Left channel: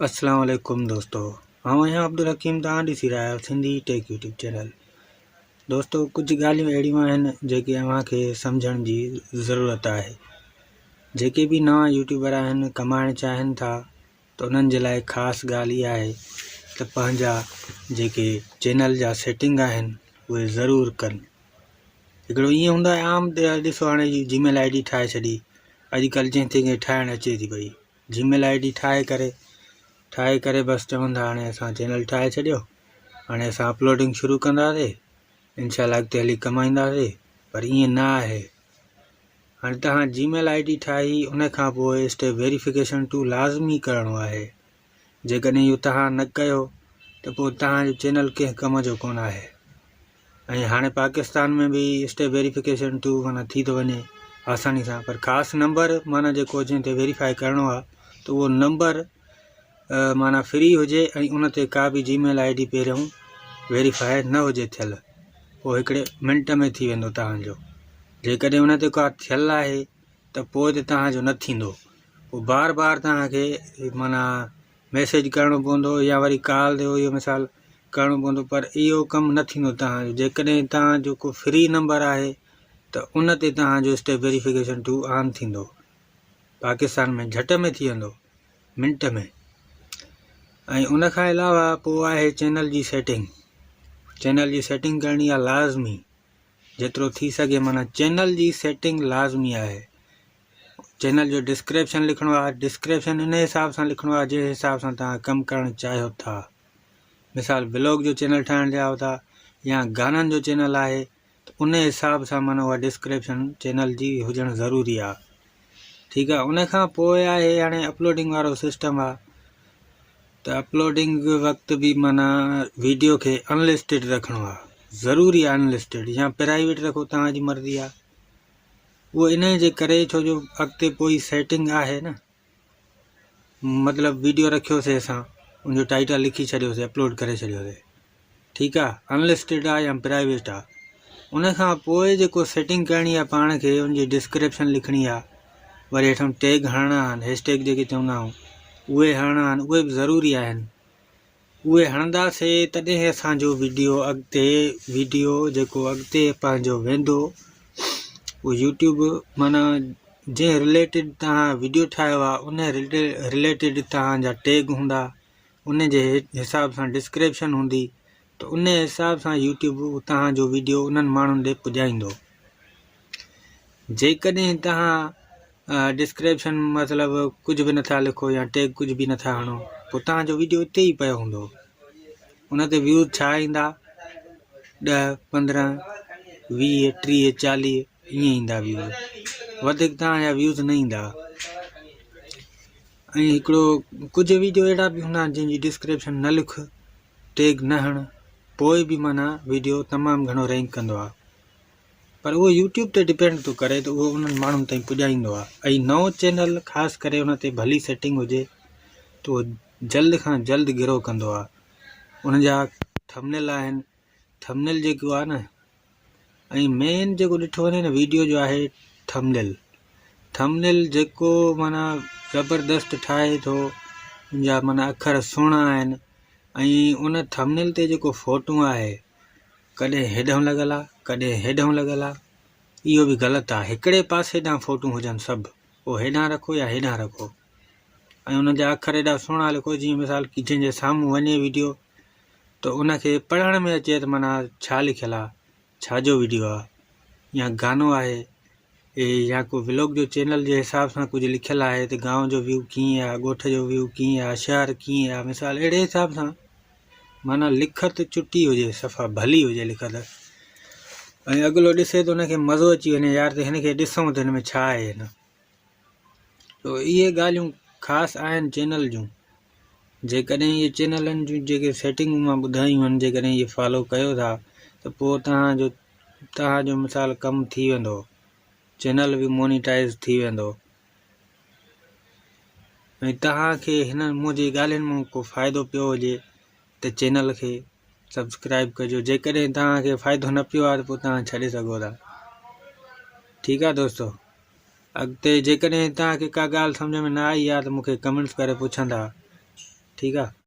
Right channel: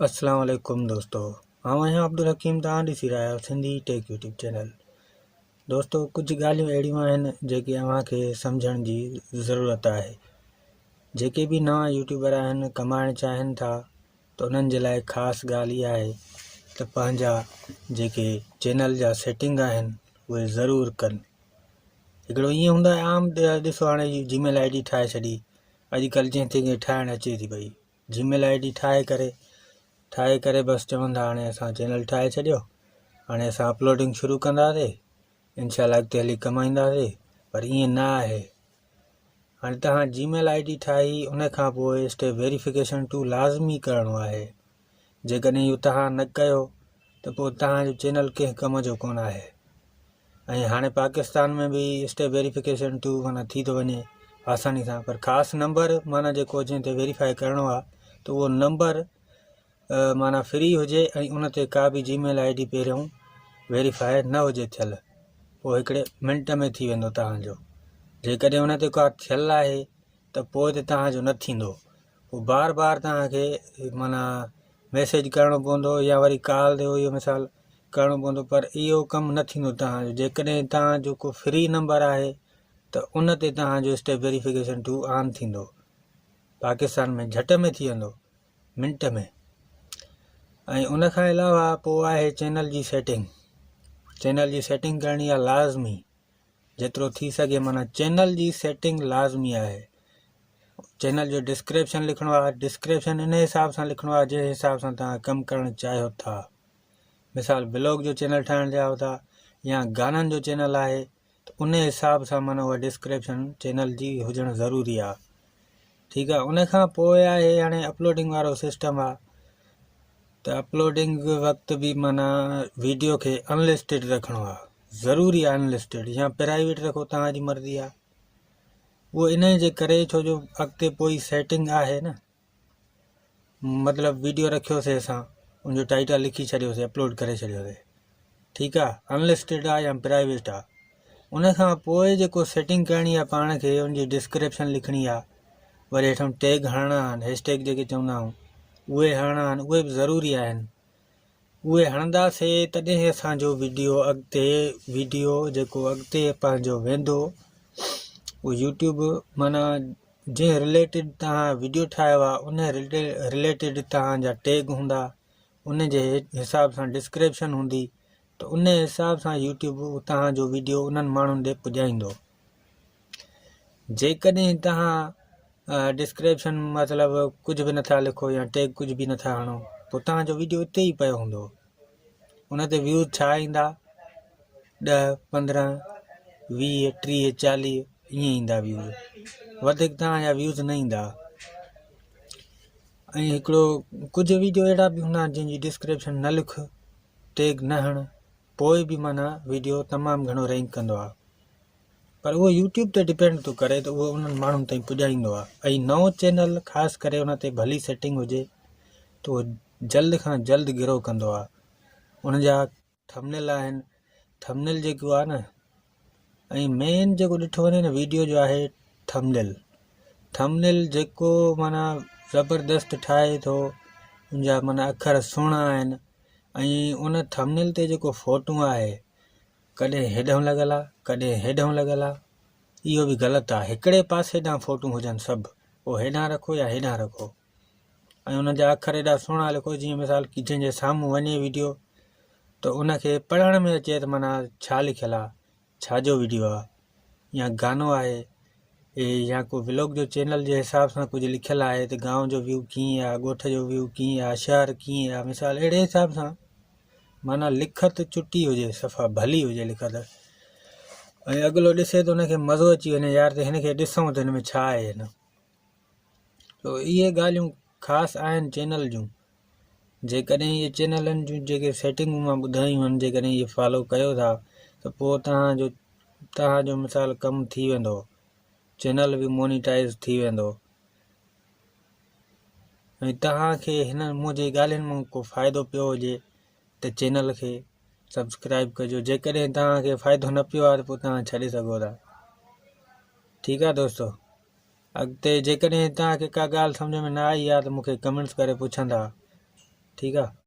अस्सलाम वालेकुम दोस्तों। हाँ यहाँ अब्दुल हकीम तव्हां ॾिसी रहिया आहियो सिंधी टेक यूट्यूब चैनल। दोस्तों कुछ ॻाल्हियूं अहिड़ियूं आहिनि जेके अव्हांखे सम्झण जी ज़रूरत आहे। जेके भी नवां यूट्यूबर आहिनि कमाइण चाहिनि था त उन्हनि जे लाइ ख़ासि ॻाल्हि इहा आहे त पंहिंजा जेके चैनल जा सेटिंग आहिनि उहे ज़रूरु कनि। हिकिड़ो ईअं हूंदो आहे आम ॾिसो हाणे जीमेल ID ठाहे छॾी। अॼुकल्ह जंहिंखे ठाहिणु अचे थी पई जीमेल ID ठाहे करे बस चवंदा हाणे असां चैनल ठाहे छॾियो, हाणे असां अपलोडिंग शुरू कंदासीं, इंशाल्लाह अॻिते हली कमाईंदासीं। पर ईअं न आहे। हाणे तव्हां जीमेल ID ठाही उन खां पोइ स्टेप वेरिफिकेशन टू लाज़मी करिणो आहे। जेकॾहिं इहो तव्हां न कयो त पोइ तव्हांजो चैनल कंहिं कम जो कोन आहे। ऐं हाणे पाकिस्तान में भी स्टेप वेरिफिकेशन टू माना थी थो वञे आसानी सां, पर ख़ासि नंबर माना जेको जंहिं ते वेरीफाई करिणो आहे त उहो नंबर माना फ्री हुजे ऐं उन ते का भी जीमेल ID पहिरियों वेरीफाई न हुजे थियल, पोइ हिकिड़े मिंट में थी वेंदो तव्हांजो। जेकॾहिं उन ते का थियल आहे त पोइ त तव्हांजो न थींदो, पोइ बार बार तव्हांखे माना मैसेज करिणो पवंदो या वरी कॉल ते इहो मिसाल करिणो पवंदो, पर इहो कमु न थींदो तव्हांजो। जेकॾहिं तव्हांजो को फ्री नंबर आहे त उन ते तव्हांजो स्टेप वेरिफिकेशन टू ऑन थींदो। पाकिस्तान में झट में थी वेंदो, मिंट में। ऐं उन खां अलावा पोइ आहे चैनल जी सेटिंग। चैनल जी सेटिंग करणी आहे लाज़मी, जेतिरो थी सघे माना चैनल जी सेटिंग लाज़मी आहे। चैनल जो डिस्क्रिप्शन लिखणो आहे, डिस्क्रिप्शन इन हिसाब सां लिखणो आहे जंहिं हिसाब सां तव्हां कमु करणु चाहियो था। मिसाल ब्लॉग जो चैनल ठाहिणु चाहियो था या गाननि जो चैनल आहे त उन हिसाब सां माना उहा डिस्क्रिप्शन चैनल जी हुजणु ज़रूरी आहे। ठीकु आहे। उन खां पोइ आहे हाणे अपलोडिंग वारो सिस्टम आहे त अपलोडिंग वक़्तु भी माना वीडियो खे अनलिस्टेड रखणो आहे, ज़रूरी आहे अनलिस्टेड या प्राइवेट रखो, तव्हांजी मर्ज़ी आहे। उहो इन जे करे छो जो अॻिते पोइ सेटिंग आहे न, मतिलबु वीडियो रखियोसीं असां उनजो टाइटल लिखी छॾियोसीं, अपलोड करे छॾियोसीं, ठीकु आहे, अनलिस्टेड आहे या प्राइवेट आहे। उन खां पोइ जेको सेटिंग करणी आहे पाण खे उनजी डिस्क्रिप्शन लिखणी आहे, वरी हेठां टैग हणणा आहिनि, हैशटैग जेके चवंदा आहियूं उहे हणणा आहिनि, उहे बि ज़रूरी आहिनि। उहे हणंदासीं तॾहिं असांजो वीडियो जेको अॻिते पंहिंजो वेंदो उहो यूट्यूब माना जंहिं रिलेटेड तव्हां वीडियो ठाहियो आहे उन रिलेटेड तव्हांजा टैग हूंदा, उन जे हिसाब सां डिस्क्रिप्शन हूंदी, त उन हिसाब सां यूट्यूब तव्हांजो वीडियो उन्हनि माण्हुनि ॾे पुॼाईंदो। जेकॾहिं तव्हां डिस्क्रिप्शन मतिलबु कुझु बि नथा लिखो या टैग कुझु बि नथा हणो, पोइ तव्हांजो वीडियो उते ई पियो हूंदो। उन ते व्यूज़ छा ईंदा, 10, 15, 20, 30, 40 ईअं ईंदा व्यूज़, वधीक तव्हांजा व्यूज़ न ईंदा। ऐं हिकिड़ो कुझु वीडियो अहिड़ा बि हूंदा आहिनि जंहिंजी डिस्क्रिप्शन न लिख, टैग न हण, पोइ बि माना वीडियो तमामु घणो रैंक कंदो आहे। पर उहो यूट्यूब ते डिपेंड थो करे त उहो उन्हनि माण्हुनि ताईं पुॼाईंदो आहे। ऐं नओं चैनल ख़ासि करे उन ते भली सेटिंग हुजे त उहो जल्द खां जल्द गिरो कंदो आहे। उनजा थंबनेल आहिनि, थंबनेल जेको आहे न, ऐं मेन जेको ॾिठो वञे न वीडियो जो आहे थंबनेल जेको माना ज़बरदस्त ठाहे थो, उनजा माना अखर सुहिणा आहिनि, ऐं उन थंबनेल ते जेको फ़ोटो आहे कॾहिं हेॾां लॻल आहे कॾहिं हेॾां लॻल आहे, इहो बि ग़लति आहे। हिकिड़े पासे ॾांहुं फ़ोटो हुजनि सभु, पोइ हेॾां रखो या हेॾां रखो, ऐं उनजा अखर हेॾा सुहिणा लिखो जीअं मिसाल की जंहिंजे साम्हूं वञे वीडियो त उनखे पढ़ण में अचे त माना छा लिखियलु आहे, छाजो वीडियो आहे, या गानो आहे या को व्लॉग जो चैनल जे हिसाब सां कुझु लिखियलु आहे त गांव जो व्यू कीअं आहे, ॻोठ जो व्यू कीअं आहे, शहर कीअं आहे, मिसाल अहिड़े हिसाब सां माना लिखत चुटी हुजे, सफ़ा भली हुजे लिखत, ऐं अॻिलो ॾिसे त उनखे मज़ो अची वञे, यार त हिनखे ॾिसूं त हिन में छा आहे हिन। तो इहे ॻाल्हियूं ख़ासि आहिनि चैनल जूं। जेकॾहिं इहे चैनलनि जूं जेके सेटिंग मां ॿुधायूं आहिनि जेकॾहिं इहे फॉलो कयो था त पोइ तव्हांजो मिसाल कमु थी वेंदो, चैनल बि मोनिटाइज़ थी वेंदो। ऐं तव्हांखे हिन मुंहिंजी ॻाल्हियुनि मां को फ़ाइदो पियो हुजे त चैनल खे सब्सक्राइब कजो। जेकॾहिं तव्हांखे फ़ाइदो न पियो आहे त पोइ तव्हां छॾे सघो था। ठीकु आहे दोस्तों। अॻिते जेकॾहिं तव्हांखे का ॻाल्हि सम्झ में न आई आहे त मूंखे कमेंट्स करे पुछंदा। ठीकु आहे।